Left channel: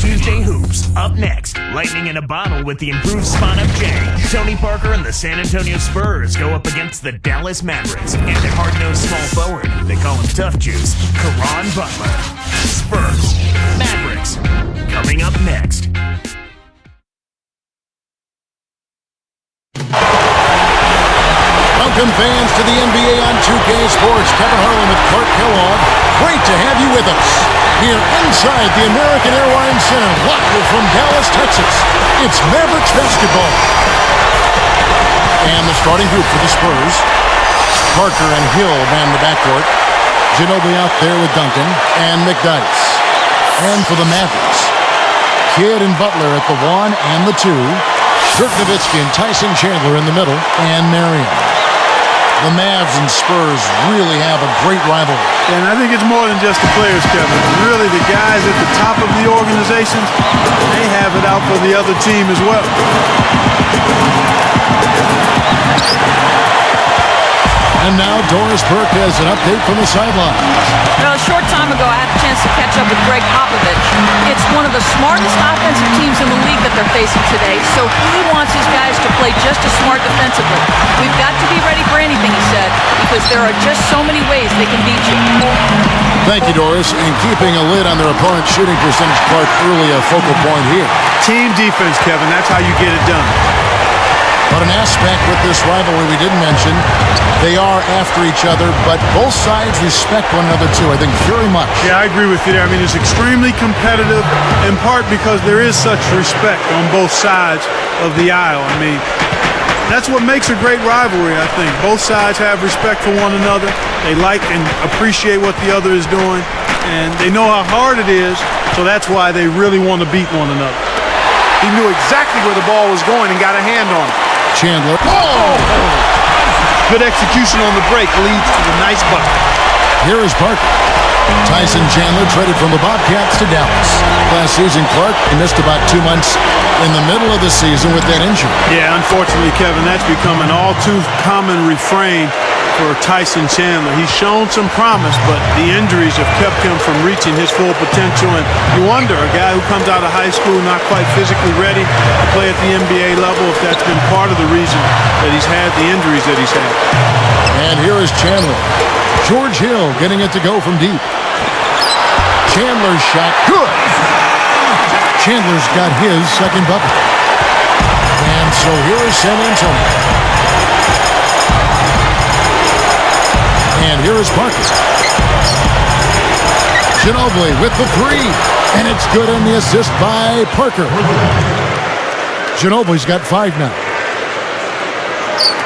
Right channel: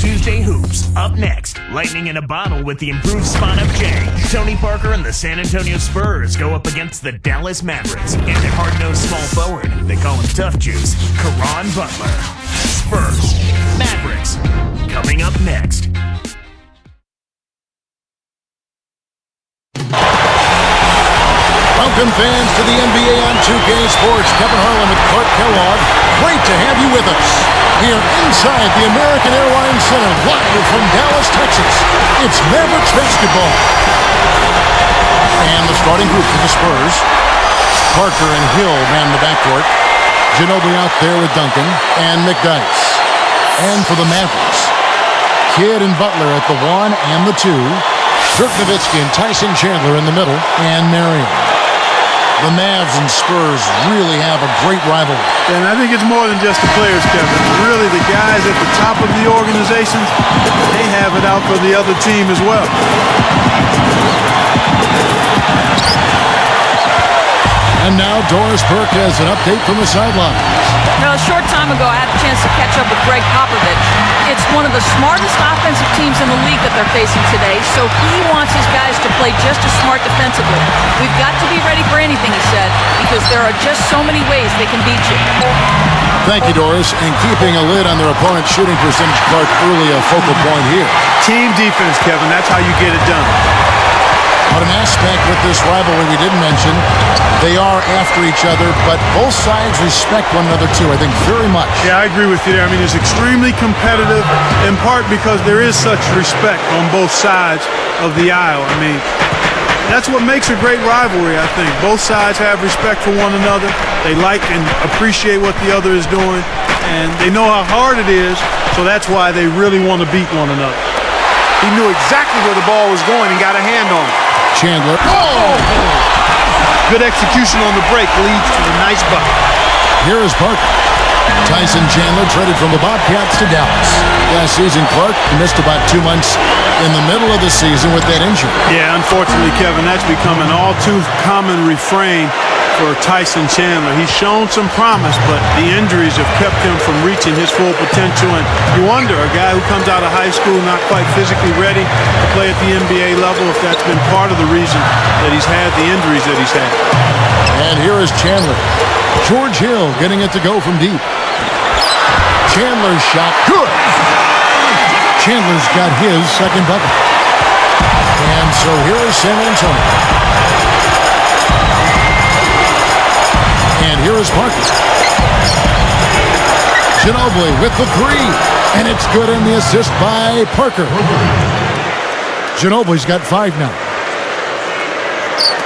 Tuesday Hoops. Up next, lightning in a bottle with the improved spot-up J. Tony Parker and the San Antonio Spurs go up against the Dallas Mavericks. And a hard-nosed small forward, they call him Tough Juice, Caron Butler. Spurs, Mavericks, coming up next. Welcome, fans, to the NBA on 2K Sports. Kevin Harlan with Clark Kellogg. Great to have you with us. Here inside the American Airlines Center, live from Dallas, Texas. It's Mavericks basketball. And the starting group for the Spurs. Parker and Hill man the backcourt. Ginobili out there with Duncan and McDyess. And for the Mavericks, Kidd and Butler at the 1 and the 2. Dirk Nowitzki and Tyson Chandler in the middle. And Marion. The Mavs and Spurs really have a great rivalry. And I think it's more than just the players, Kevin. Really, the guys at the top of the organizations, they have it out for the other team as well. And now Doris Burke has an update from the sidelines. A short time ago, I had a chance to catch up with Greg Popovich. It's one of the smartest offensive teams in the league that they're facing today, so he wants his guys to play just as smart defensively. We've got to be ready for anything, he said, because there are just so many ways they can beat you. Thank you, Doris. And keeping a lid on their opponent's shooting percentage, Clark, early a focal point here. Team defense, Kevin. That's how you get it done. But an aspect with this rivalry we didn't mention, they are after each other, but both sides respect one another too, I think, very much. Yeah, I agree with you there. I mean, it's extremely competitive, in part because there is such respect on both sides of the aisle. I mean, that's what makes a great rivalry, I think. Both sides have respect for one another. They like and appreciate what the other is doing, and they know how hard it is, so that's why they really want to beat one another. He knew exactly where the ball was going and got a hand on it. Chandler. Oh! Good execution on the break leads to the nice bucket. Here is Parker. Tyson Chandler traded from the Bobcats to Dallas. Last season, Clark, he missed about 2 months in the middle of the season with that injury. Yeah, unfortunately, Kevin, that's become an all too common refrain for Tyson Chandler. He's shown some promise, but the injuries have kept him from reaching his full potential. And you wonder, a guy who comes out of high school not quite physically ready to play at the NBA level, if that's been part of the reason that he's had the injuries that he's had. And here is Chandler. George Hill getting it to go from deep. Chandler's shot, good! Chandler's got his second bucket. And so here is San Antonio. And here is Parker. Ginobili with the 3. And it's good on the assist by Parker. Ginobili's got 5 now.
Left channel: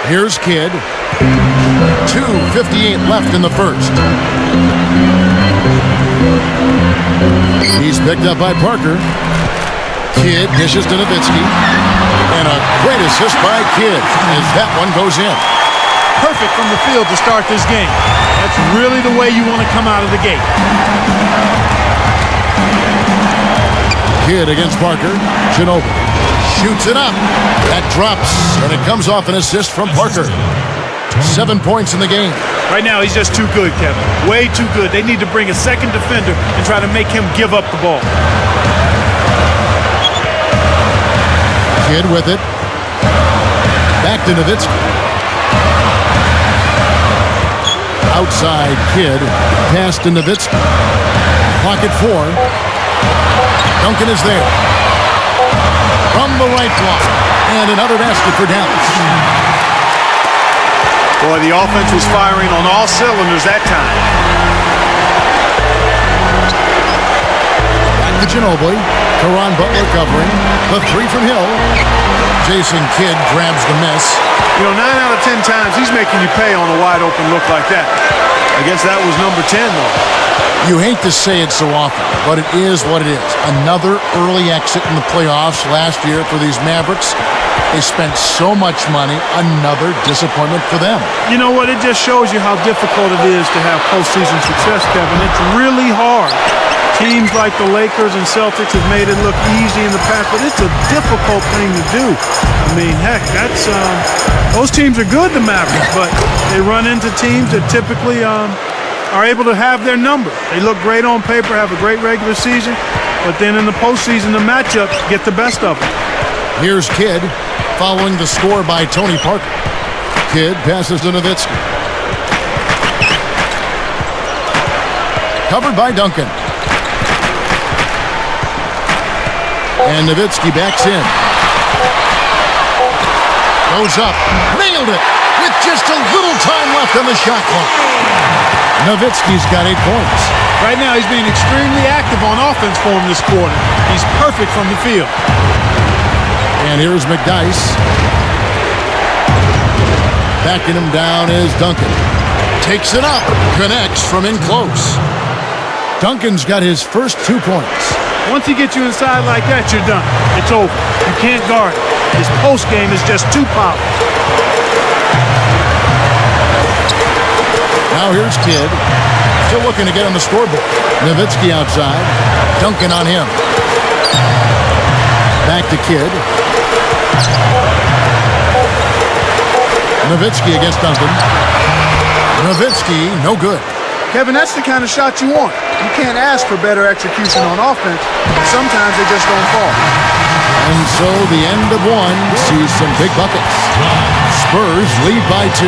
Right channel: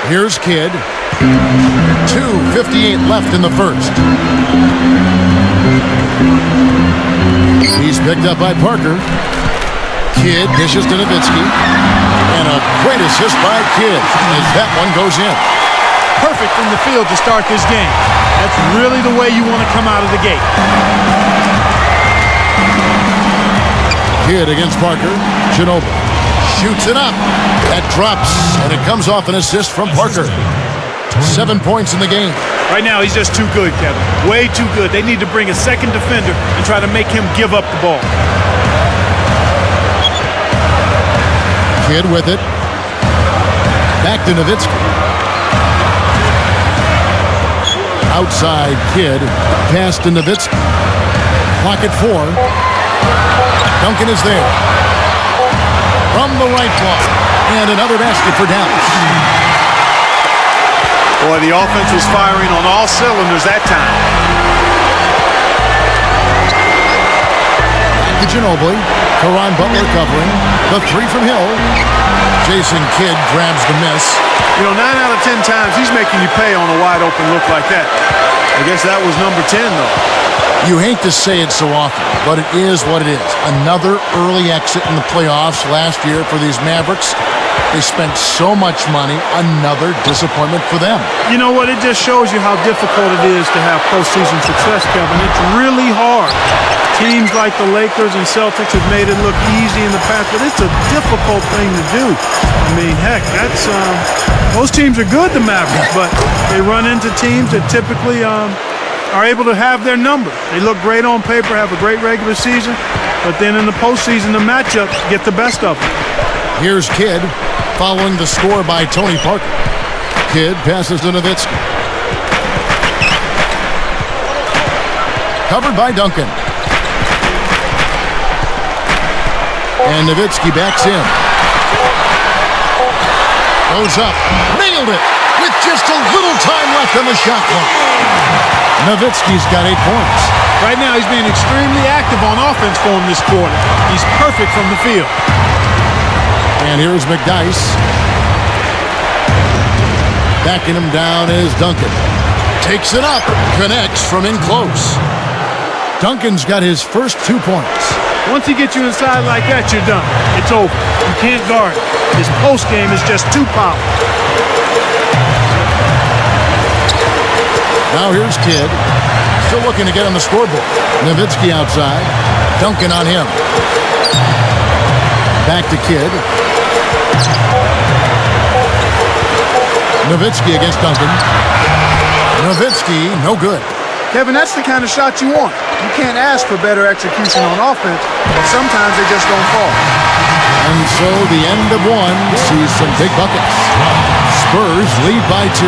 Here's Kidd. 2:58 left in the first. He's picked up by Parker. Kidd dishes to Nowitzki. And a great assist by Kidd as that one goes in. Perfect from the field to start this game. That's really the way you want to come out of the gate. Kidd against Parker. Ginobili shoots it up. That drops, and it comes off an assist from Parker. 7 points in the game. Right now, he's just too good, Kevin. Way too good. They need to bring a second defender and try to make him give up the ball. Kidd with it. Back to Nowitzki. Outside Kidd. Pass to Nowitzki. Clock at 4. Duncan is there. From the right block. And another basket for Dallas. Boy, the offense was firing on all cylinders that time. Back to Ginobili. Caron Butler covering. The 3 from Hill. Jason Kidd grabs the miss. You know, 9 out of 10 times he's making you pay on a wide open look like that. I guess that was number 10, though. You hate to say it so often, but it is what it is. Another early exit in the playoffs last year for these Mavericks. They spent so much money. Another disappointment for them. You know what? It just shows you how difficult it is to have postseason success, Kevin. It's really hard. Teams like the Lakers and Celtics have made it look easy in the past, but it's a difficult thing to do. I mean, heck, that's those teams are good, the Mavericks, but they run into teams that typically are able to have their number. They look great on paper, have a great regular season, but then in the postseason, the matchups get the best of them. Here's Kidd following the score by Tony Parker. Kidd passes to Nowitzki. Covered by Duncan. And Nowitzki backs in. Goes up. Nailed it with just a little time left on the shot clock. Nowitzki's got 8 points. Right now, he's being extremely active on offense for him this quarter. He's perfect from the field. And here's McDyess. Backing him down is Duncan. Takes it up. Connects from in close. Duncan's got his first 2 points. Once he gets you inside like that, you're done. It's over. You can't guard it. His post game is just too powerful. Now here's Kidd. Still looking to get on the scoreboard. Nowitzki outside. Duncan on him. Back to Kidd. Nowitzki against Duncan. Nowitzki, no good. Kevin, that's the kind of shot you want. You can't ask for better execution on offense, but sometimes they just don't fall. And so the end of one sees some big buckets. Spurs lead by 2.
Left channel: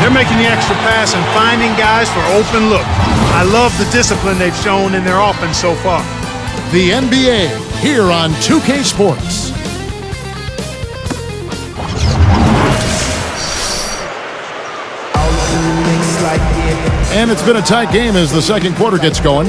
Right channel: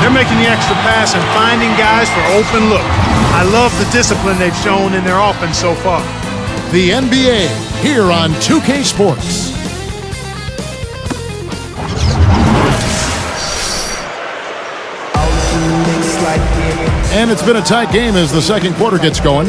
They're making the extra pass and finding guys for open looks. I love the discipline they've shown in their offense so far. The NBA here on 2K Sports. And it's been a tight game as the second quarter gets going.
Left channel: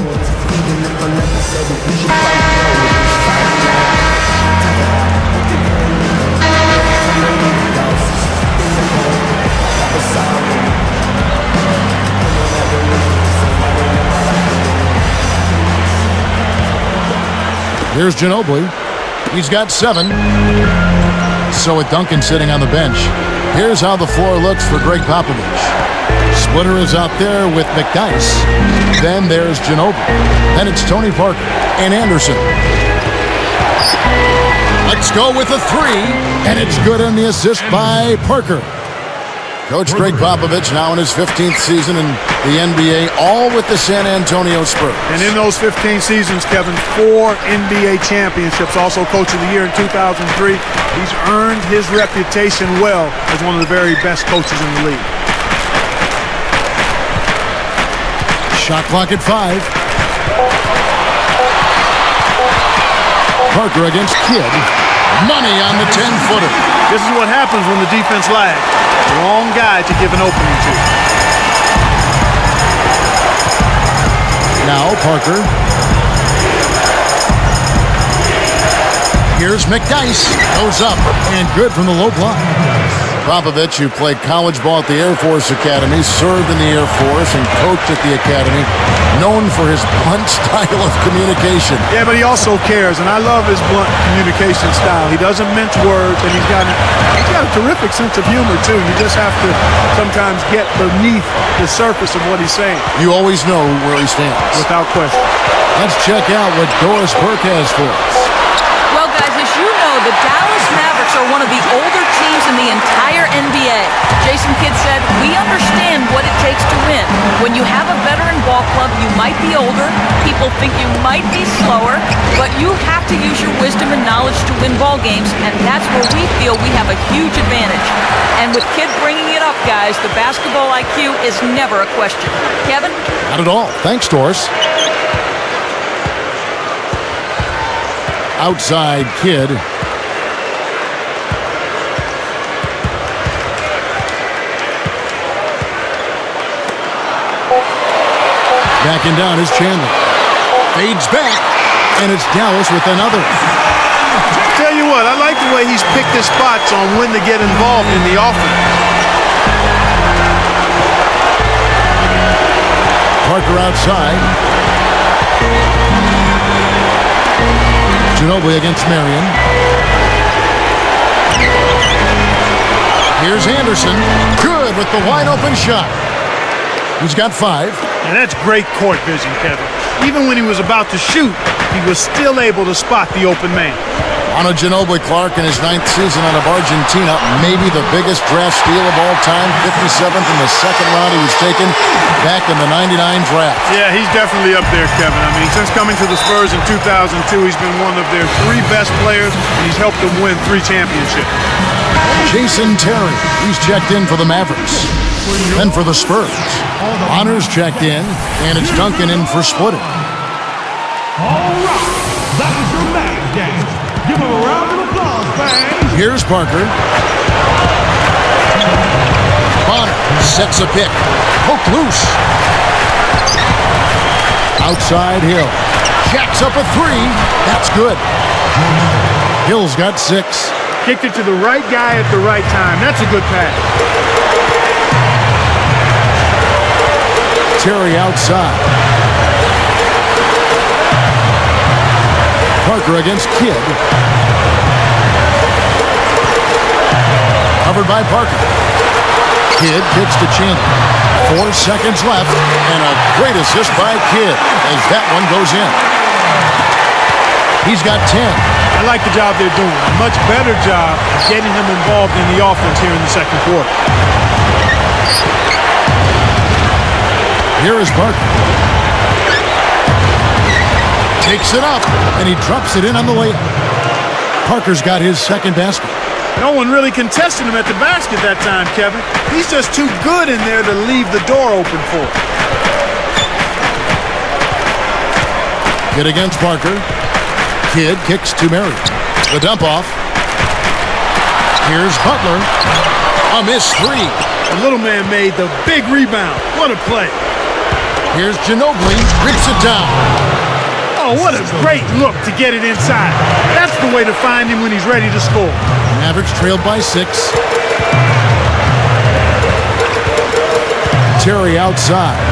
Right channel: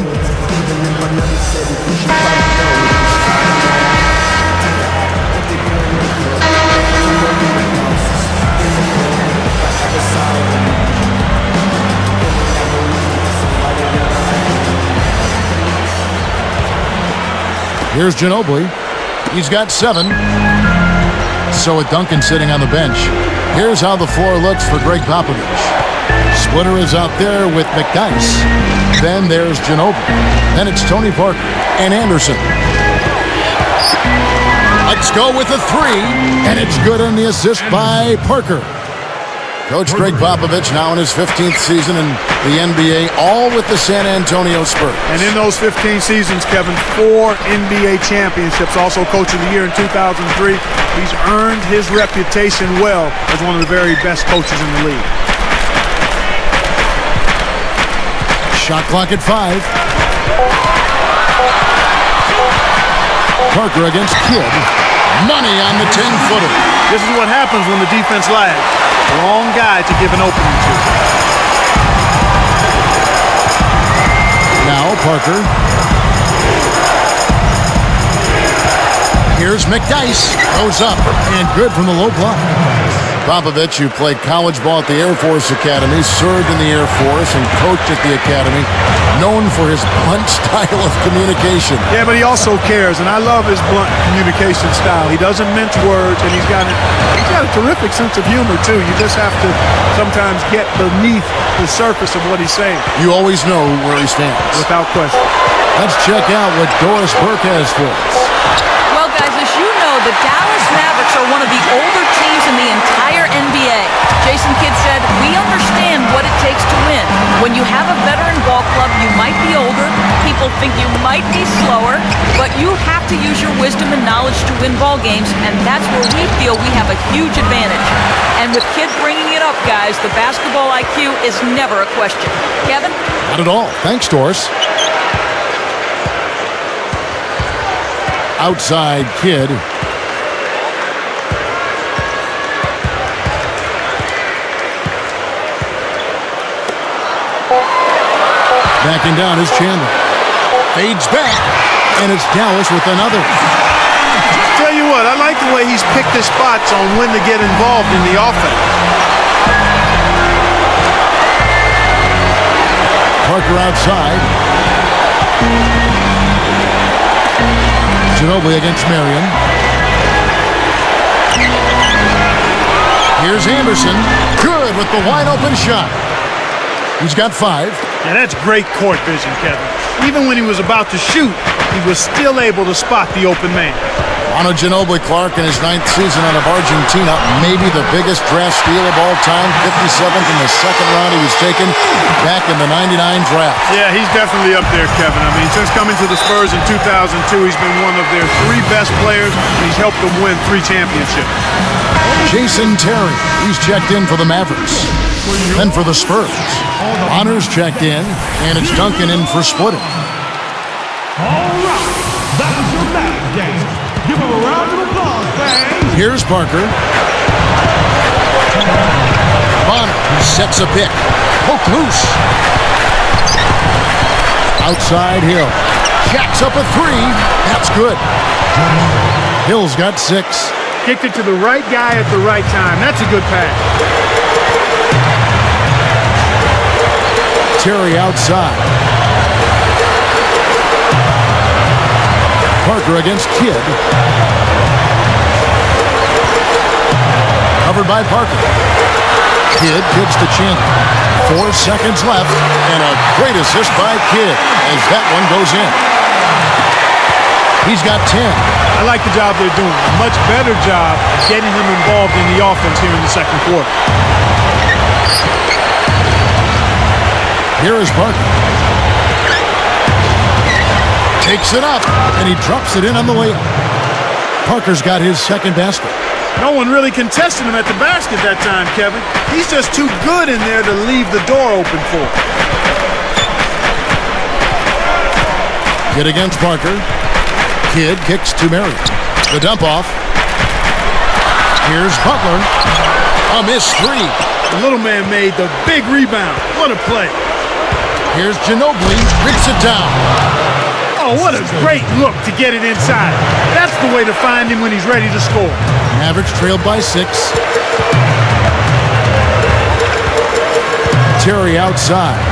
Here's Ginobili. He's got 7. So with Duncan sitting on the bench, here's how the floor looks for Greg Popovich. Splitter is out there with McDyess. Then there's Ginobili. Then it's Tony Parker and Anderson. Let's go with a 3. And it's good on the assist by Parker. Coach Greg Popovich now in his 15th season in the NBA, all with the San Antonio Spurs. And in those 15 seasons, Kevin, 4 NBA championships, also Coach of the Year in 2003. He's earned his reputation well as one of the very best coaches in the league. Shot clock at 5. Parker against Kidd. Money on the 10-footer. This is what happens when the defense lags. Wrong guy to give an opening to. Now Parker. Here's McDyess. Goes up and good from the low block. Popovich, who played college ball at the Air Force Academy, served in the Air Force and coached at the Academy, known for his blunt style of communication. Yeah, but he also cares, and I love his blunt communication style. He doesn't mince words, and he's got a terrific sense of humor, too. You just have to sometimes get beneath the surface of what he's saying. You always know where he stands. Without question. Let's check out what Doris Burke has for us. Well, guys, as you know, the Dallas Mavericks are one of the older teams in the entire NBA. Jason Kidd said, "We understand what it takes to win. When you have a veteran ball club, you might be older, people think you might be slower, but you have to use your wisdom and knowledge to win ball games, and that's where we feel we have a huge advantage." And with Kidd bringing it up, guys, the basketball IQ is never a question. Kevin? Not at all. Thanks, Doris. Outside Kidd. Backing down is Chandler. Fades back, and it's Dallas with another. Tell you what, I like the way he's picked his spots on when to get involved in the offense. Parker outside. Ginobili against Marion. Here's Anderson. Good with the wide open shot. He's got 5. Now that's great court vision, Kevin. Even when he was about to shoot, he was still able to spot the open man. Manu Ginobili, Clark, in his 9th season out of Argentina, maybe the biggest draft steal of all time, 57th in the second round he was taken back in the 99 draft. Yeah, he's definitely up there, Kevin. I mean, since coming to the Spurs in 2002, he's been one of their 3 best players, and he's helped them win 3 championships. Jason Terry, he's checked in for the Mavericks. Then for the Spurs, Honor's checked in, and it's Duncan in for splitting. All right, that was your Mavs game. Give him a round of applause, fans. Here's Parker. Bonner sets a pick. Poke loose. Outside Hill. Jacks up a 3. That's good. Hill's got 6. Kicked it to the right guy at the right time. That's a good pass. Terry outside. Parker against Kidd. Covered by Parker. Kidd kicks to Chandler. 4 seconds left, and a great assist by Kidd as that one goes in. He's got 10. I like the job they're doing. A much better job of getting him involved in the offense here in the second quarter. Here is Parker. Takes it up, and he drops it in on the layup. Parker's got his second basket. No one really contested him at the basket that time, Kevin. He's just too good in there to leave the door open for. Kidd against Parker. Kidd kicks to Marion. The dump off. Here's Butler. A missed 3. The little man made the big rebound. What a play. Here's Ginobili. Rips it down. Oh, what a great look to get it inside. That's the way to find him when he's ready to score. Mavericks trailed by 6. Terry outside.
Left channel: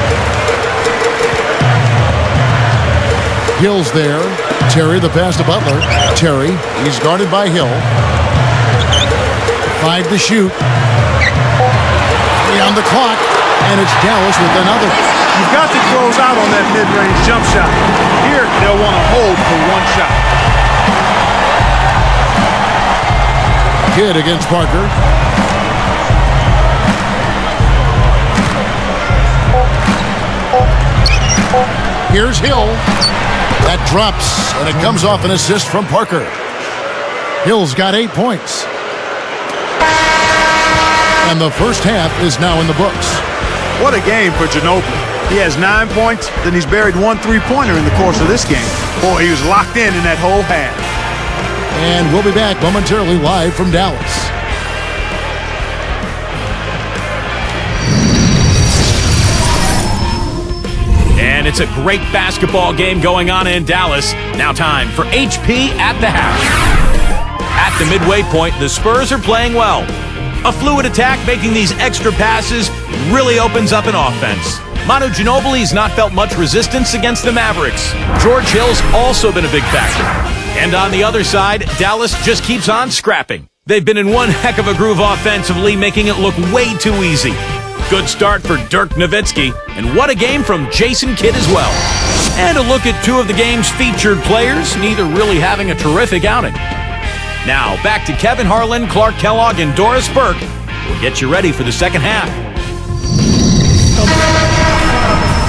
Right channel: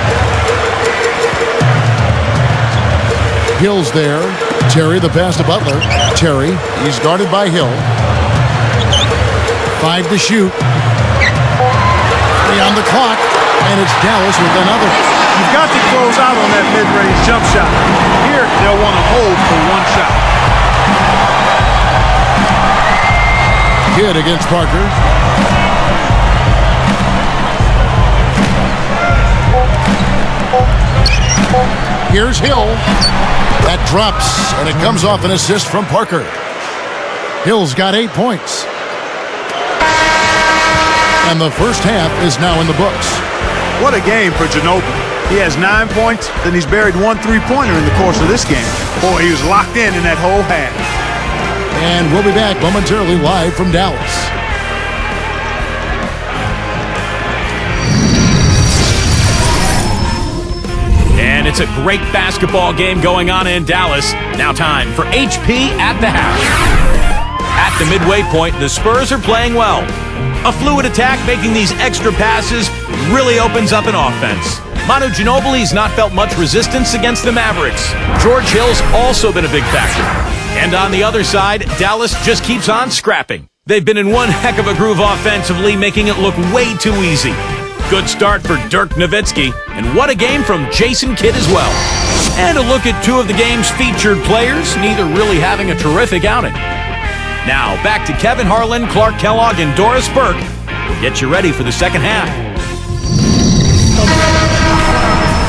Hill's there. Terry, the pass to Butler. Terry, he's guarded by Hill. 5 to shoot. 3 on the clock, and it's Dallas with another. You've got to close out on that mid-range jump shot. Here, they'll want to hold for 1 shot. Kidd against Parker. Here's Hill. That drops, and it comes off an assist from Parker. Hill's got 8 points. And the first half is now in the books. What a game for Ginobili. He has 9 points, then he's buried 1 3-pointer in the course of this game. Boy, he was locked in that whole half. And we'll be back momentarily live from Dallas. And it's a great basketball game going on in Dallas. Now time for HP at the half. At the midway point, the Spurs are playing well. A fluid attack making these extra passes really opens up an offense. Manu Ginobili's not felt much resistance against the Mavericks. George Hill's also been a big factor. And on the other side, Dallas just keeps on scrapping. They've been in one heck of a groove offensively, making it look way too easy. Good start for Dirk Nowitzki, and what a game from Jason Kidd as well. And a look at 2 of the game's featured players, neither really having a terrific outing. Now, back to Kevin Harlan, Clark Kellogg, and Doris Burke. We'll get you ready for the second half.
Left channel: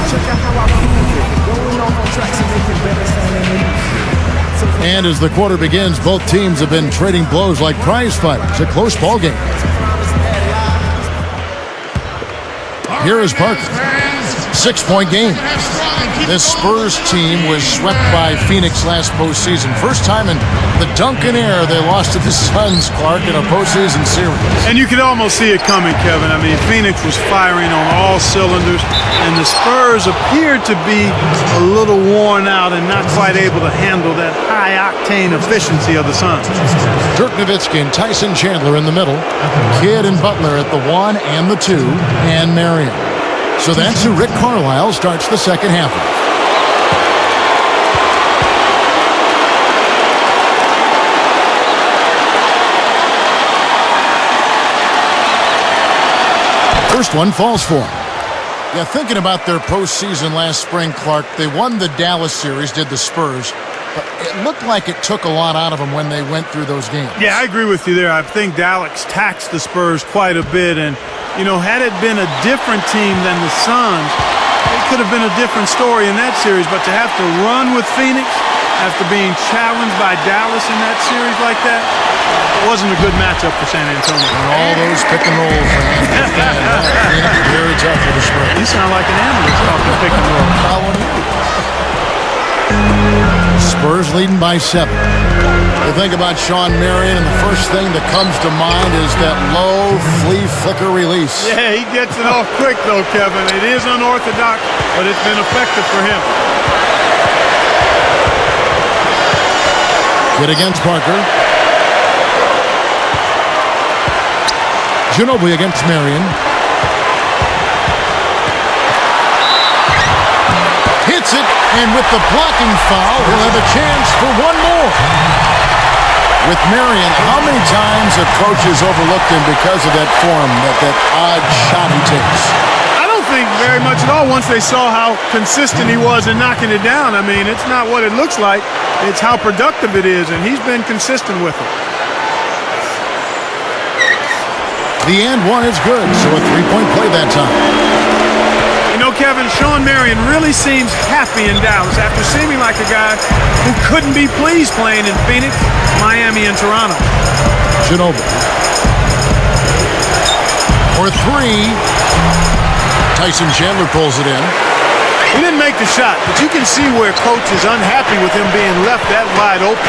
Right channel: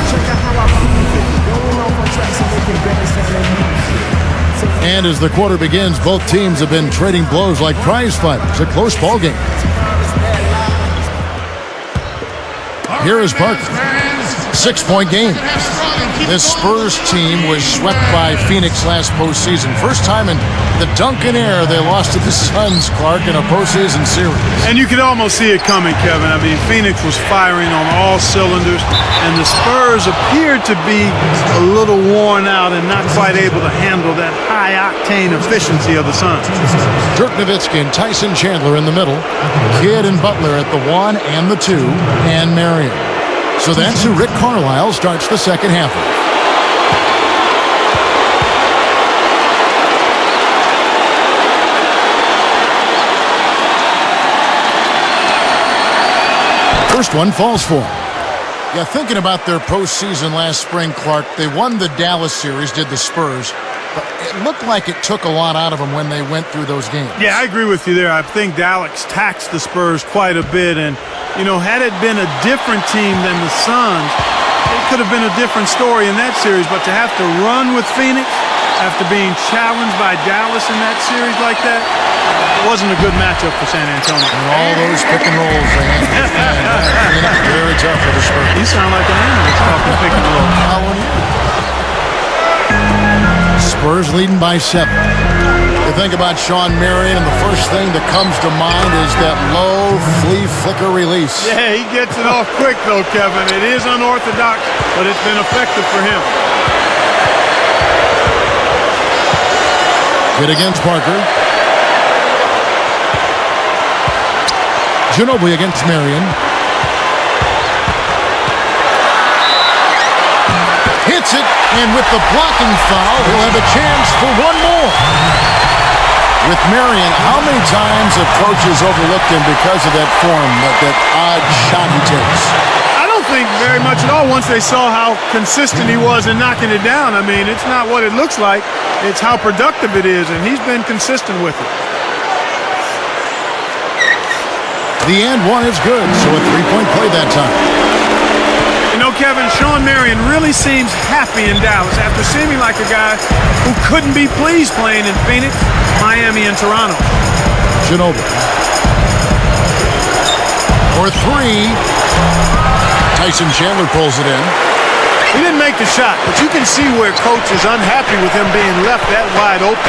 Check out how I prove it. Going off on tracks and making better sounding music. And as the quarter begins, both teams have been trading blows like prize fighters. A close ball game. Here is Parker. 6-point game. This Spurs team was swept by Phoenix last postseason. First time in the Duncan era they lost to the Suns, Clark, in a postseason series. And you could almost see it coming, Kevin. I mean, Phoenix was firing on all cylinders, and the Spurs appeared to be a little worn out and not quite able to handle that high-octane efficiency of the Suns. Dirk Nowitzki and Tyson Chandler in the middle. Kidd and Butler at the 1 and the 2, and Marion. So that's who Rick Carlisle starts the second half with. First one falls for him. Yeah, thinking about their postseason last spring, Clark, they won the Dallas series, did the Spurs. but it looked like it took a lot out of them when they went through those games. Yeah, I agree with you there. I think Dallas taxed the Spurs quite a bit. And, you know, had it been a different team than the Suns, it could have been a different story in that series. But to have to run with Phoenix after being challenged by Dallas in that series like that, it wasn't a good matchup for San Antonio. And all those pick and rolls they handled. Phoenix, very tough for the Spurs. You sound like an analyst talking pick and roll. Following you. Spurs leading by 7. You think about Sean Marion, and the first thing that comes to mind is that low flea flicker release. Yeah, he gets it off quick, though, Kevin. It is unorthodox, but it's been effective for him. Kid against Parker. Ginobili against Marion. Hits it, and with the blocking foul, he'll have a chance for one more. With Marion, how many times have coaches overlooked him because of that form, that odd shot he takes? I don't think very much at all once they saw how consistent he was in knocking it down. I mean, it's not what it looks like. It's how productive it is, and he's been consistent with it. The and one is good, so a three-point play that time. You know, Kevin, Sean Marion really seems happy in Dallas after seeming like a guy who couldn't be pleased playing in Phoenix, Miami, and Toronto. Ginobili. For 3. Tyson Chandler pulls it in. He didn't make the shot, but you can see where coach is unhappy with him being left that wide open.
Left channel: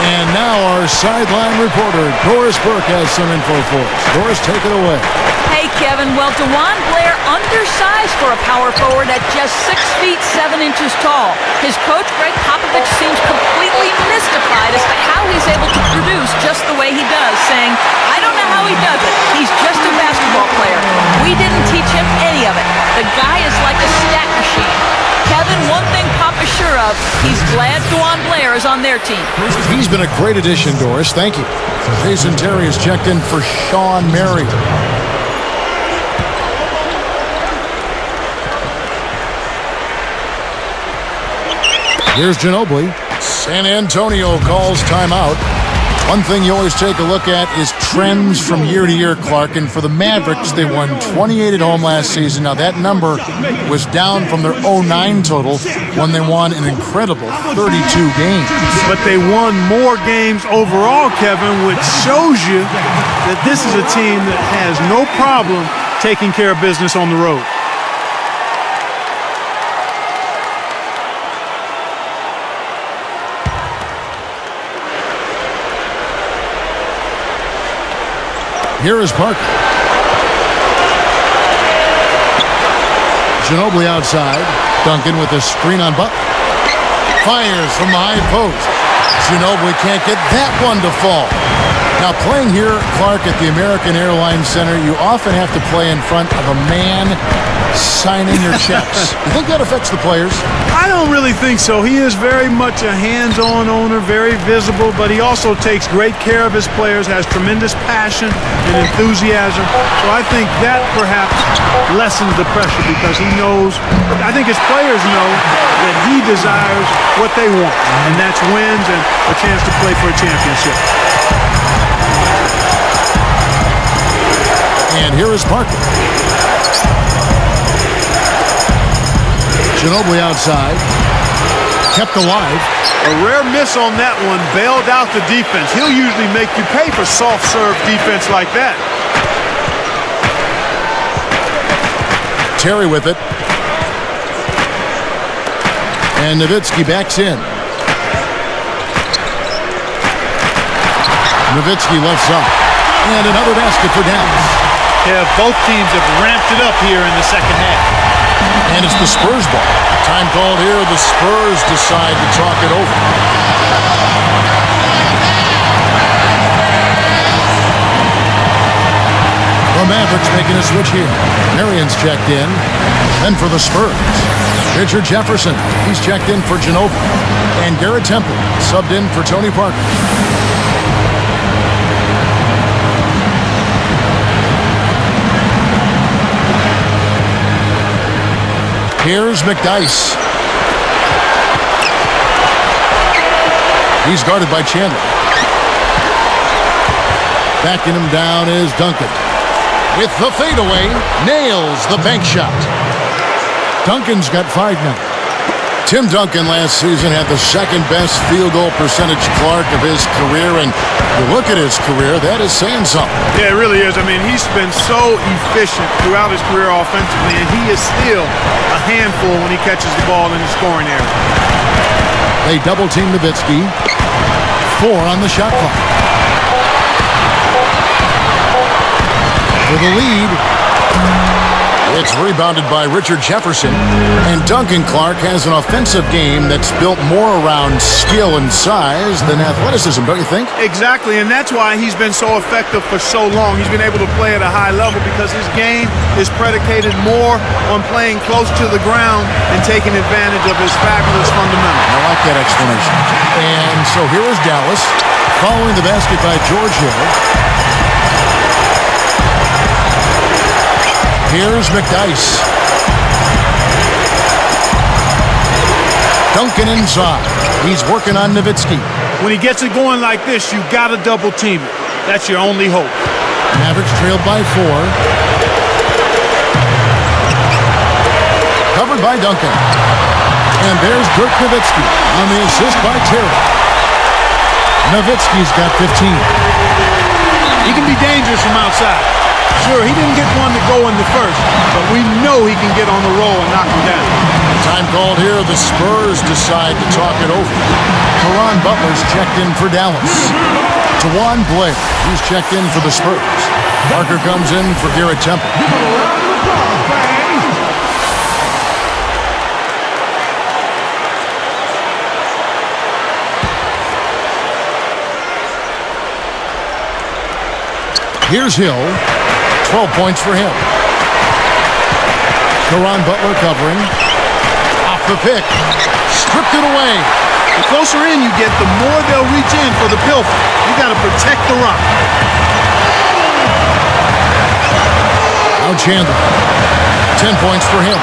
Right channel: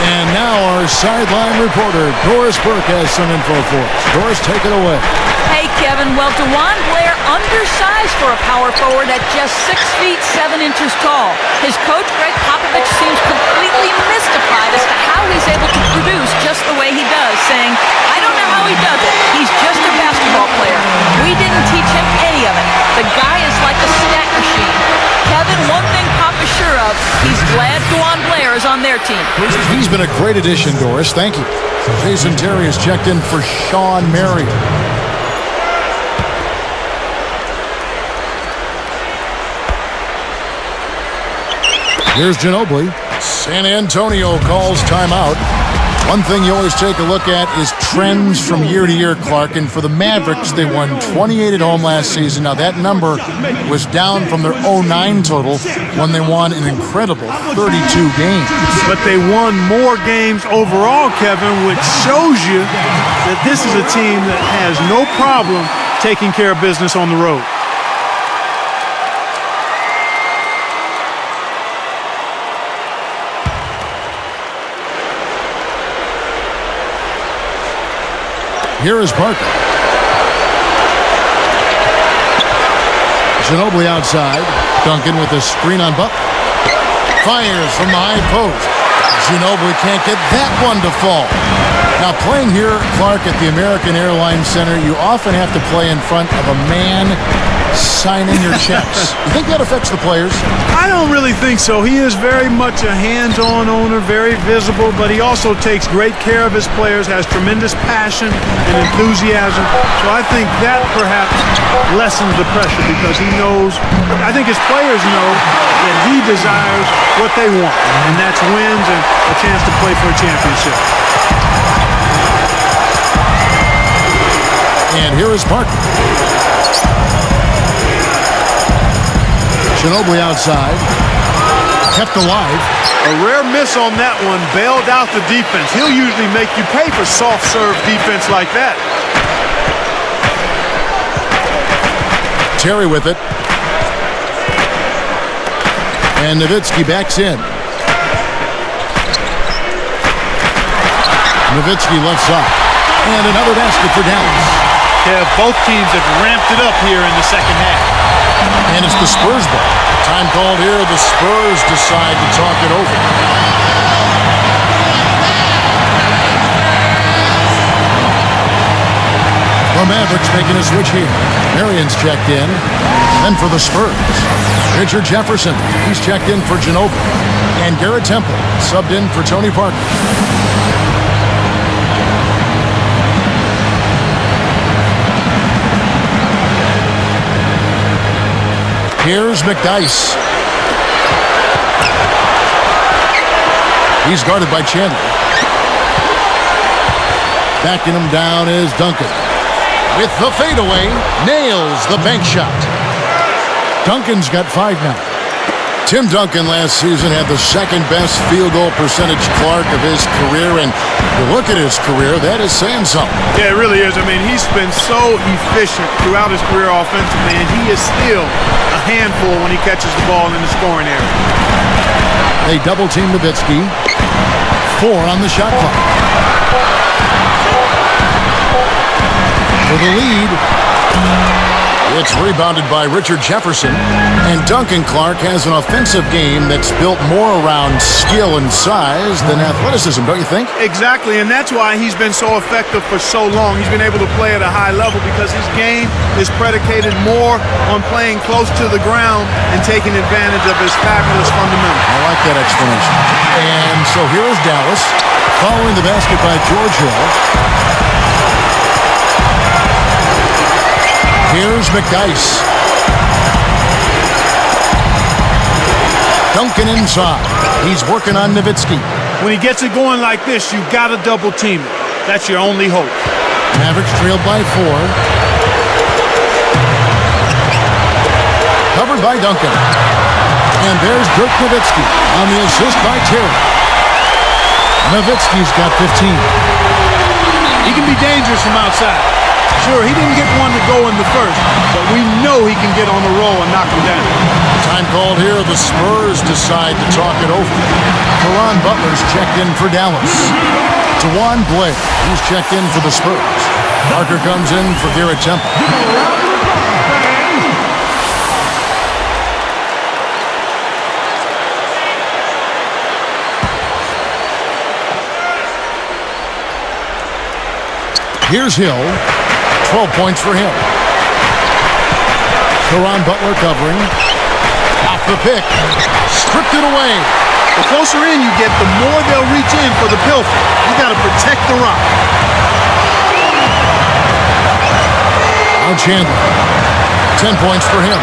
And now our sideline reporter, Doris Burke, has some info for us. Doris, take it away. Hey, Kevin. Well, DeJuan Blair undersized for a power forward at just 6 feet 7 inches tall. His coach, Greg Popovich, seems completely mystified as to how he's able to produce just the way he does, saying, I don't know how he does it. He's just a basketball player. We didn't teach him any of it. The guy is like a stat machine. Kevin, one thing Pop is sure of, he's glad DeJuan Blair is on their team. He's been a great addition, Doris. Thank you. Jason Terry has checked in for Sean Marion. Here's Ginobili. San Antonio calls timeout. One thing you always take a look at is trends from year to year, Clark. And for the Mavericks, they won 28 at home last season. Now, that number was down from their 09 total when they won an incredible 32 games. But they won more games overall, Kevin, which shows you that this is a team that has no problem taking care of business on the road. Here is Parker. Ginobili outside. Duncan with a screen on Butler. Fires from the high post. Ginobili can't get that one to fall. Now, playing here, Clark, at the American Airlines Center, you often have to play in front of a man signing your checks. You think that affects the players? I don't really think so. He is very much a hands-on owner, very visible, but he also takes great care of his players, has tremendous passion and enthusiasm. So I think that perhaps lessens the pressure because he knows, I think his players know that he desires what they want, and that's wins and a chance to play for a championship. And here is Parker. Ginobili outside. Kept alive. A rare miss on that one, bailed out the defense. He'll usually make you pay for soft serve defense like that. Terry with it. And Nowitzki backs in. Nowitzki left side. And another basket for Dallas. Yeah, both teams have ramped it up here in the second half. And it's the Spurs ball. Time called here. The Spurs decide to talk it over. The Mavericks making a switch here. Marion's checked in. Then for the Spurs, Richard Jefferson. He's checked in for Ginobili. And Garrett Temple subbed in for Tony Parker. Here's McDyess. He's guarded by Chandler. Backing him down is Duncan. With the fadeaway, nails the bank shot. Duncan's got 5 now. Tim Duncan last season had the second best field goal percentage, Clark, of his career, and you look at his career, that is saying something. Yeah, it really is. I mean, he's been so efficient throughout his career offensively, and he is still a handful when he catches the ball in the scoring area. They double-team Nowitzki. 4 on the shot clock. For the lead, it's rebounded by Richard Jefferson. And Duncan, Clark, has an offensive game that's built more around skill and size than athleticism, don't you think? Exactly, and that's why he's been so effective for so long. He's been able to play at a high level because his game is predicated more on playing close to the ground and taking advantage of his fabulous fundamentals. I like that explanation. And so here is Dallas, following the basket by George Hill. Here's McDyess. Duncan inside. He's working on Nowitzki. When he gets it going like this, you got to double team it. That's your only hope. Mavericks trailed by 4. Covered by Duncan. And there's Dirk Nowitzki on the assist by Terry. Nowitzki's got 15. He can be dangerous from outside. Sure, he didn't get one to go in the first, but we know he can get on the roll and knock him down. Time called here. The Spurs decide to talk it over. Caron Butler's checked in for Dallas. Tawan Blair, who's checked in for the Spurs. Parker comes in for Garrett Temple. Give him a round of applause, fans. Here's Hill. 12 points for him. Caron Butler covering. Off the pick. Stripped it away. The closer in you get, the more they'll reach in for the pilfer. You got to protect the rock. Now Chandler. 10 points for him.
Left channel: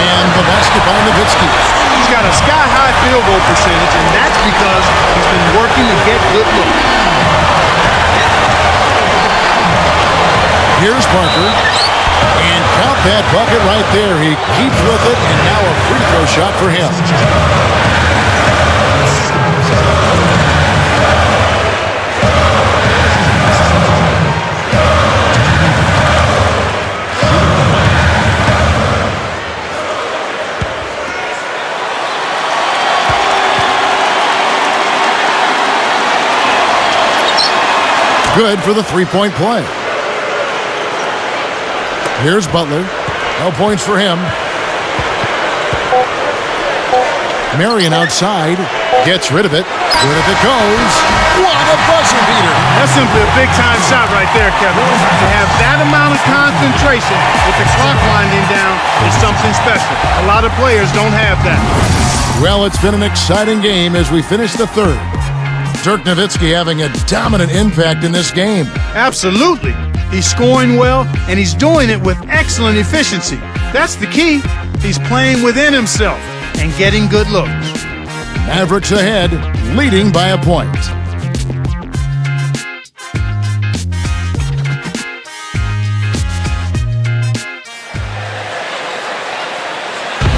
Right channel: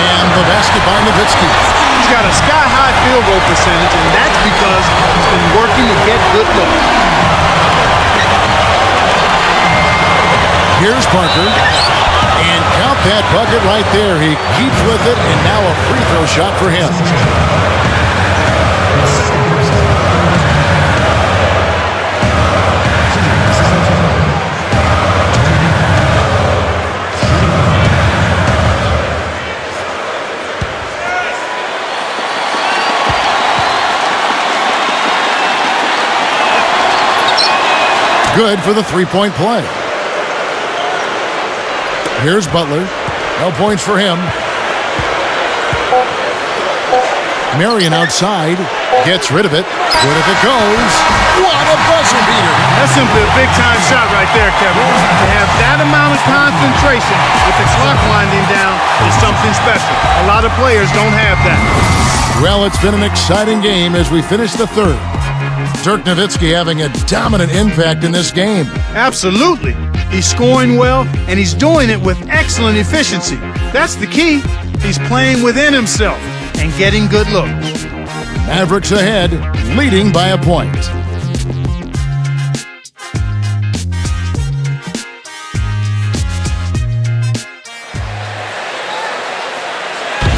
And the basket by Nowitzki. He's got a sky-high field goal percentage, and that's because he's been working to get good looks. Here's Parker. And count that bucket right there. He keeps with it, and now a free throw shot for him. Good for the three-point play. Here's Butler. No points for him. Marion outside. Gets rid of it. Good if it goes. What a buzzer beater. That's simply a big-time shot right there, Kevin. To have that amount of concentration with the clock winding down is something special. A lot of players don't have that. Well, it's been an exciting game as we finish the third. Dirk Nowitzki having a dominant impact in this game. Absolutely. He's scoring well, and he's doing it with excellent efficiency. That's the key. He's playing within himself and getting good looks. Mavericks ahead, leading by a point.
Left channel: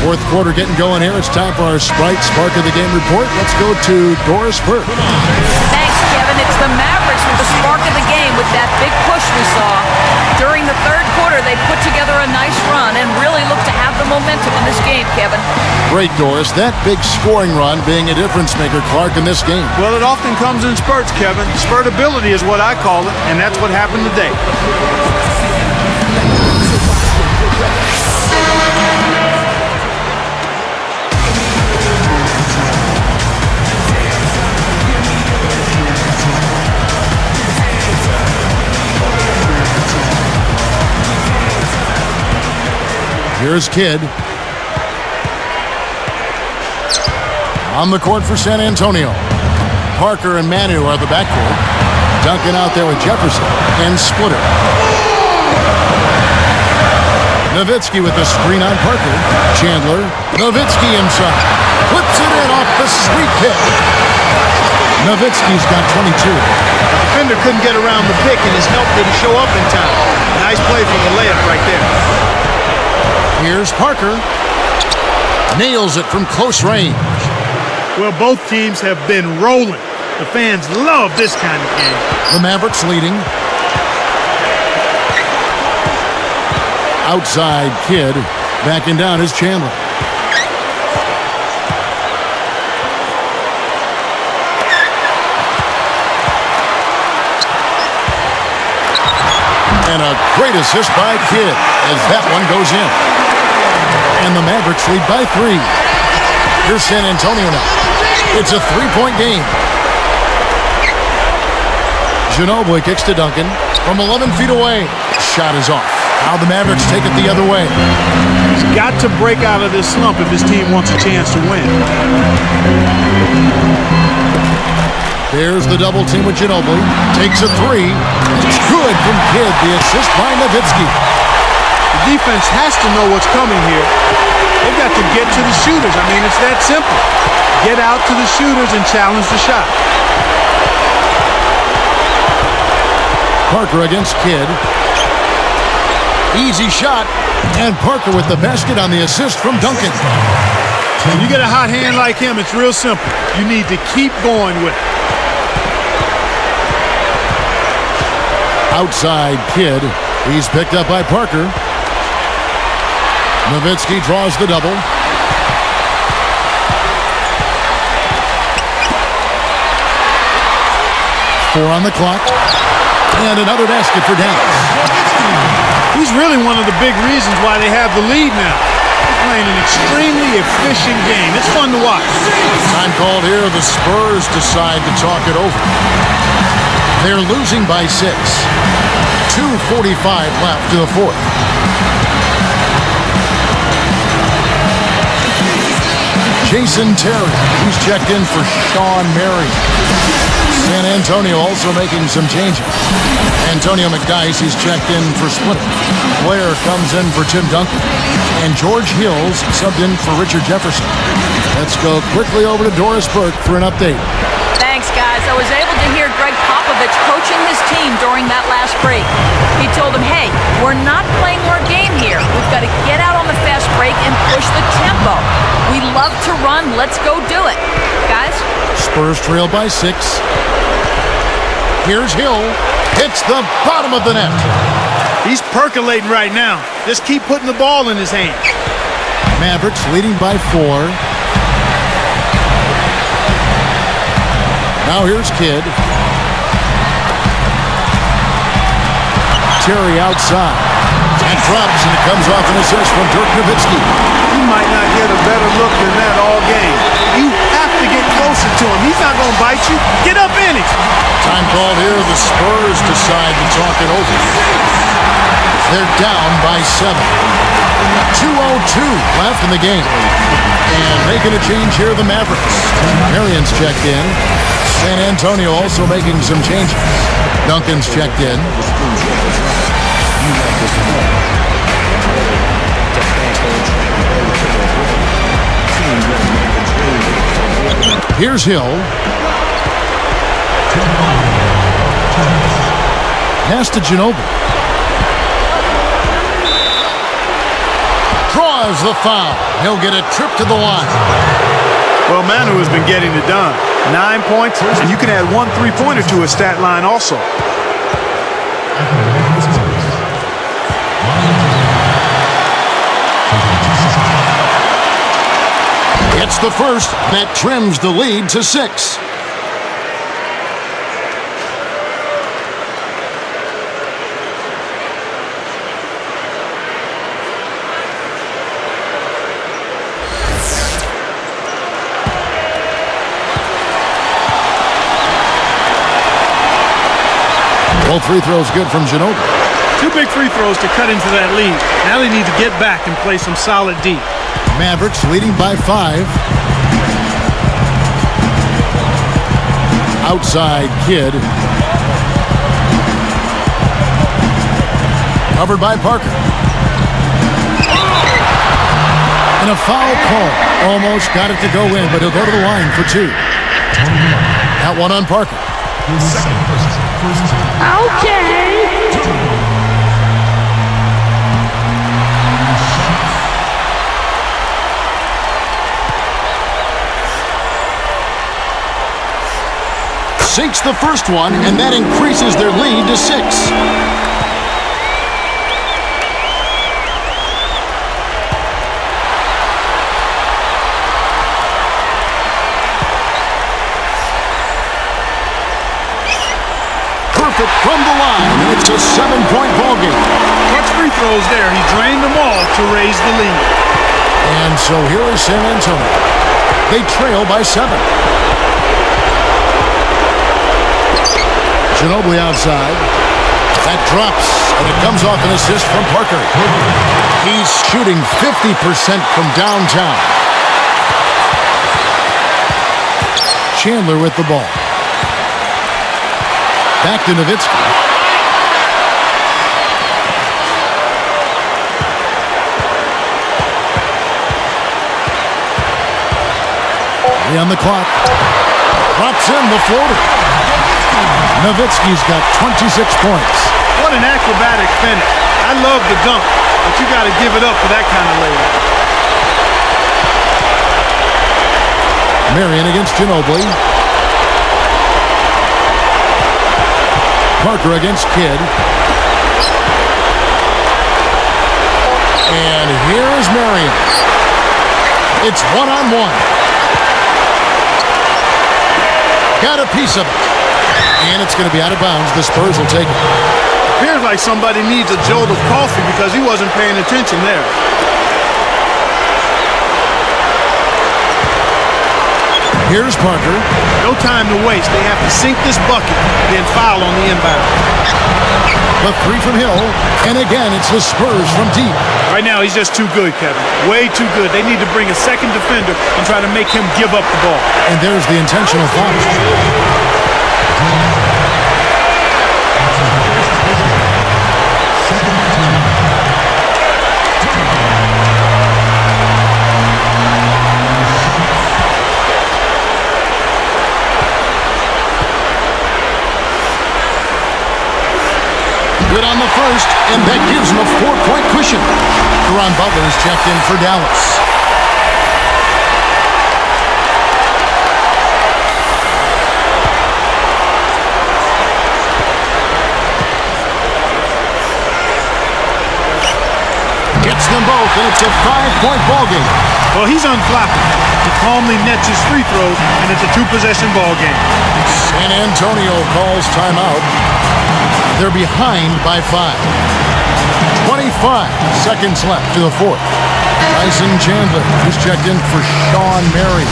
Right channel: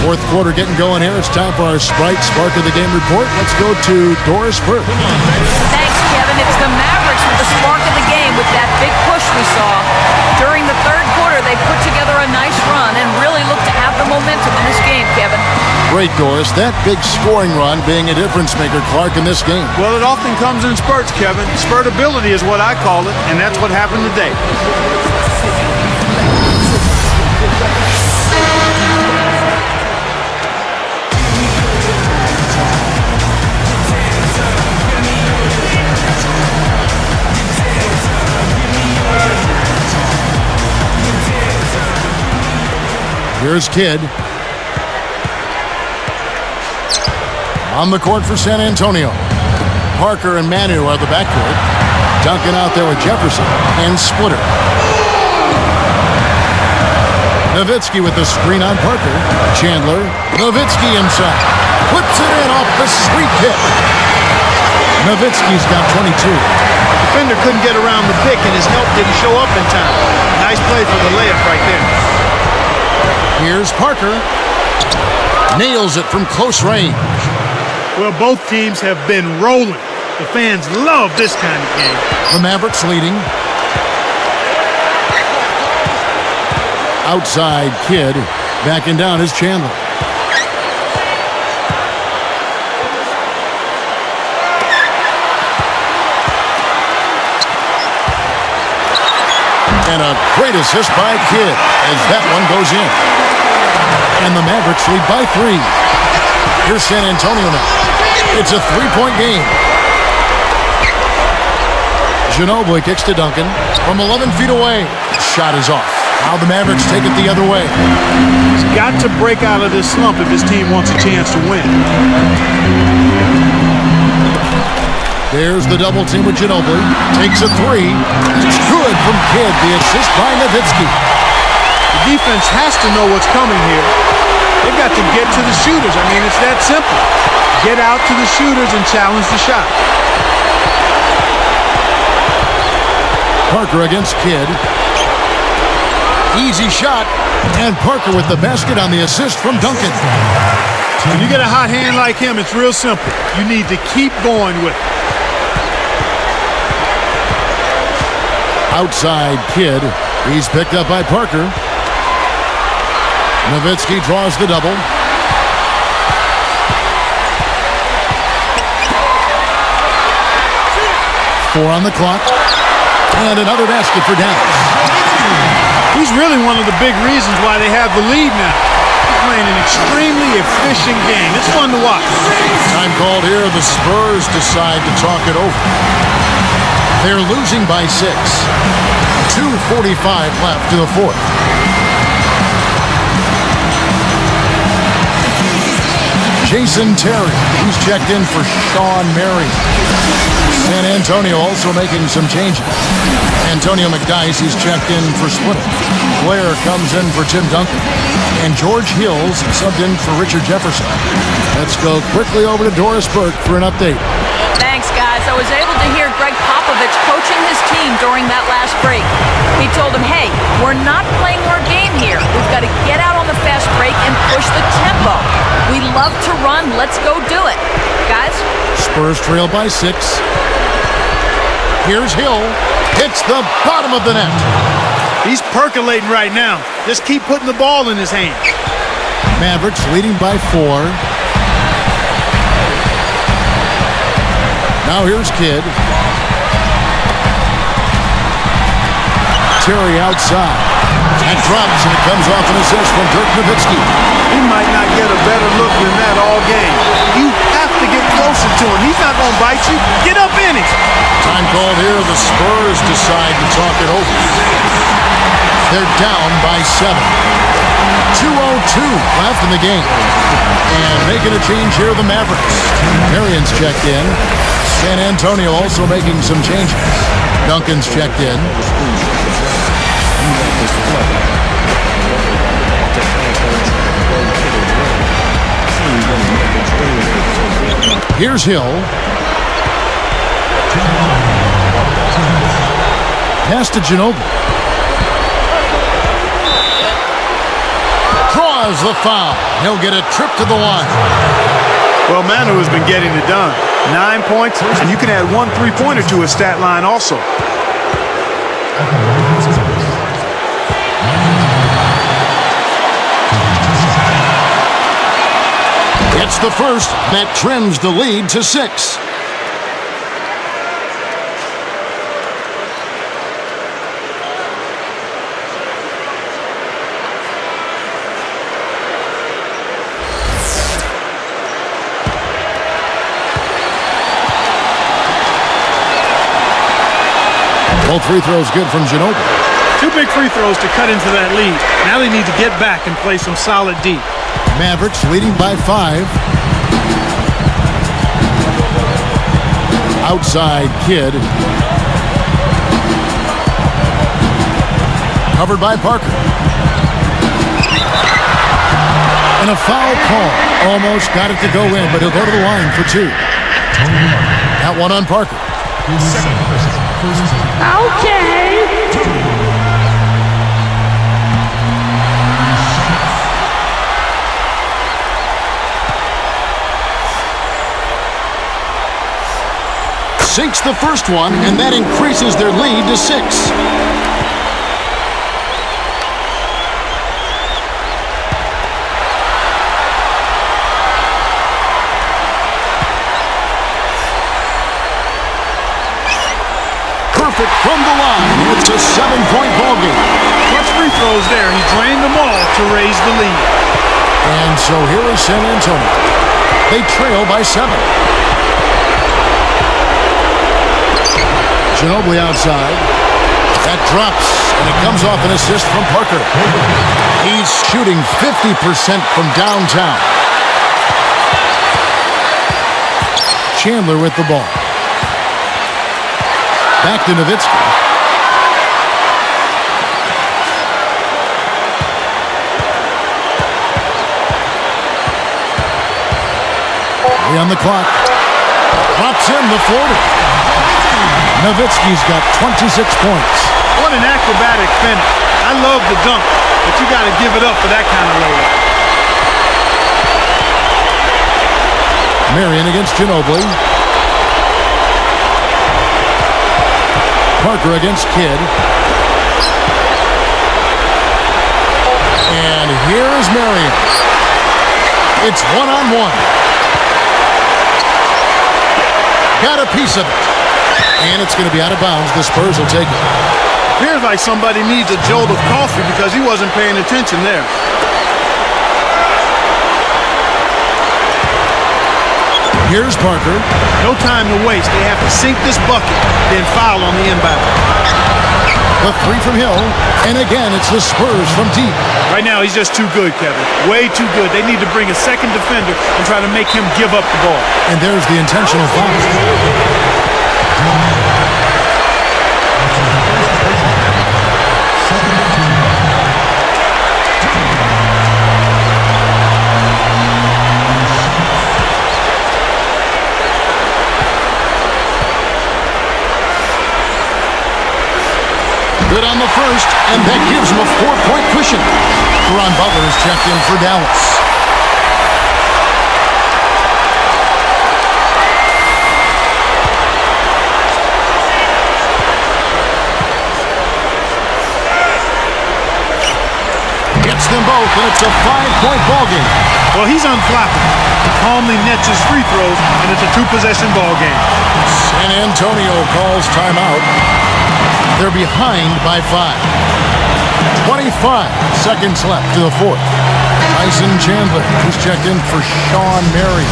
Fourth quarter getting going here. It's time for our Sprite Spark of the Game report. Let's go to Doris Burke. Come on, man. Thanks, Kevin. It's the Mavericks with the spark of the game with that big push we saw. During the third quarter, they put together a nice run and really looked to have the momentum in this game, Kevin. Great, Doris. That big scoring run being a difference maker, Clark, in this game. Well, it often comes in spurts, Kevin. Spurtability is what I call it, and that's what happened today. Here's Kidd. On the court for San Antonio. Parker and Manu are the backcourt. Duncan out there with Jefferson and Splitter. Nowitzki with the screen on Parker. Chandler. Nowitzki inside. Puts it in off the sweep kick. Nowitzki's got 22. The defender couldn't get around the pick, and his help didn't show up in time. Nice play for the layup right there. Here's Parker. Nails it from close range. Well, both teams have been rolling. The fans love this kind of game. The Mavericks leading. Outside Kidd. Backing down is Chandler. And a great assist by Kidd as that one goes in. And the Mavericks lead by 3. Here's San Antonio now. It's a 3-point game. Ginobili kicks to Duncan from 11 feet away. Shot is off. Now the Mavericks take it the other way. He's got to break out of this slump if his team wants a chance to win. There's the double team with Ginobili. Takes a 3. It's good from Kidd. The assist by Nowitzki. The defense has to know what's coming here. They've got to get to the shooters. I mean, it's that simple. Get out to the shooters and challenge the shot. Parker against Kidd. Easy shot. And Parker with the basket on the assist from Duncan. When you get a hot hand like him, it's real simple. You need to keep going with it. Outside Kidd. He's picked up by Parker. Nowitzki draws the double. Four on the clock. And another basket for Dallas. He's really one of the big reasons why they have the lead now. He's playing an extremely efficient game. It's fun to watch. Time called here. The Spurs decide to talk it over. They're losing by 6. 2:45 left to the fourth. Jason Terry, he's checked in for Sean Marion. San Antonio also making some changes. Antonio McDyess, he's checked in for Splitter. Blair comes in for Tim Duncan. And George Hills subbed in for Richard Jefferson. Let's go quickly over to Doris Burke for an update. Thanks, guys. I was able to hear Greg Popovich coaching his team during that last break. He told them, hey, we're not playing our game here. We've got to get out on the fast break and push the tempo. We love to run. Let's go do it. Guys? Spurs trail by 6. Here's Hill. Hits the bottom of the net. He's percolating right now. Just keep putting the ball in his hands. Mavericks leading by 4. Now here's Kidd. Terry outside. And drops, and it comes off an assist from Dirk Nowitzki. He might not get a better look than that all game. You have to get closer to him. He's not going to bite you. Get up in it. Time called here. The Spurs decide to talk it over. They're down by 7. 2:02 left in the game. And making a change here, the Mavericks. Marion's checked in. San Antonio also making some changes. Duncan's checked in. Here's Hill. Pass to Ginobili. Draws the foul. He'll get a trip to the line. Well, Manu has been getting it done. 9 points, and you can add 1 3-pointer to his stat line also. At the line of the Spurs, Manu Ginobili taking 2 shots. Gets the first. That trims the lead to 6. Both free throws good from Ginobili. 2 big free throws to cut into that lead. Now they need to get back and play some solid D. Mavericks leading by 5. Outside Kidd. Covered by Parker. And a foul call. Almost got it to go in, but he'll go to the line for 2. Tony Parker. That one on Parker. Second person, first team. Okay. 2. Sinks the first one, and that increases their lead to 6. Perfect from the line, and it's a 7-point ball game. Clutch free throws there. He drained them all to raise the lead. And so here is San Antonio. They trail by 7. Ginobili outside. That drops, and it comes off an assist from Parker. He's shooting 50% from downtown. Chandler with the ball. Back to Nowitzki. On the clock. Drops in the floater. Nowitzki's got 26 points. What an acrobatic finish. I love the dunk, but you got to give it up for that kind of layup. Marion against Ginobili. Parker against Kidd. And here is Marion. It's 1-on-1. Got a piece of it. And it's going to be out of bounds. The Spurs will take it. Appears like somebody needs a jolt of coffee because he wasn't paying attention there. Here's Parker. No time to waste. They have to sink this bucket, then foul on the inbound. The 3 from Hill. And again, it's the Spurs from deep. Right now, he's just too good, Kevin. Way too good. They need to bring a second defender and try to make him give up the ball. And there's the intentional foul. That's his first personal. Second team. Good on the first, and that gives him a 4-point cushion. Caron Butler is checked in for Dallas. Gets them both, and it's a 5-point ball game. Well, he's unflappable. He calmly nets his free throws, and it's a 2-possession ball game. San Antonio calls timeout. They're behind by 5. 25 seconds left to the 4th. Tyson Chandler is checked in for Sean Marion.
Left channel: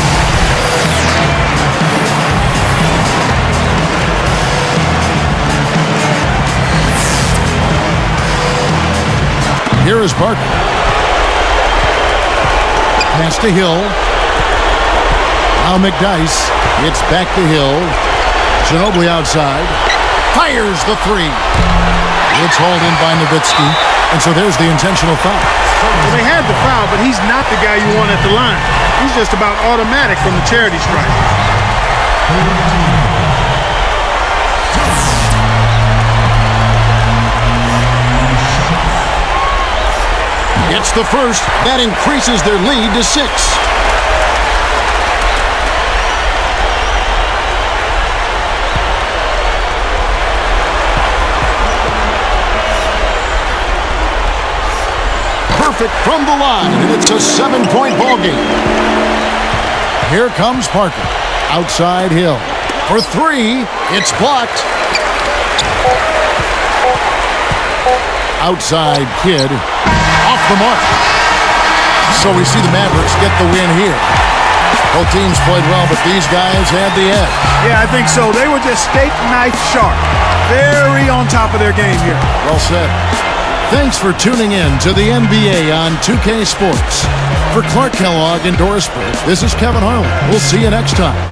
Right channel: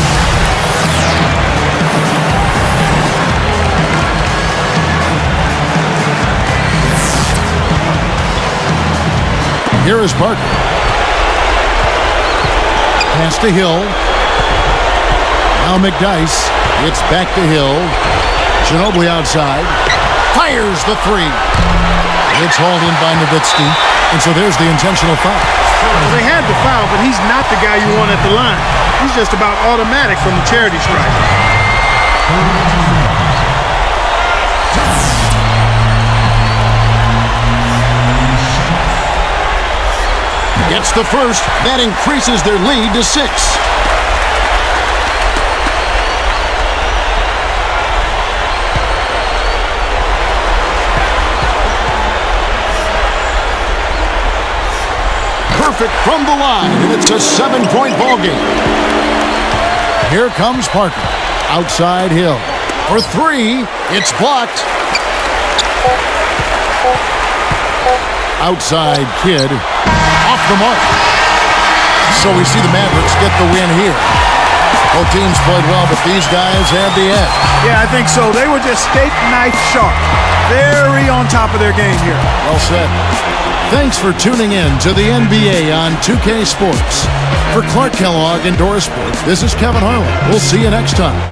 Here is Parker. Pass to Hill. Now McDyess. It's back to Hill. Ginobili outside. Fires the 3. It's hauled in by Nowitzki. And so there's the intentional foul. Well, they had the foul, but he's not the guy you want at the line. He's just about automatic from the charity stripe. Gets the first. That increases their lead to 6. Perfect from the line, and it's a 7-point ball game. Here comes Parker. Outside Hill. For 3, it's blocked. Outside Kidd. Off the mark. So we see the Mavericks get the win here. Both teams played well, but these guys had the edge. Yeah, I think so. They were just steak knife sharp. Very on top of their game here. Well said. Thanks for tuning in to the NBA on 2K Sports. For Clark Kellogg and Doris Burke, this is Kevin Harlan. We'll see you next time.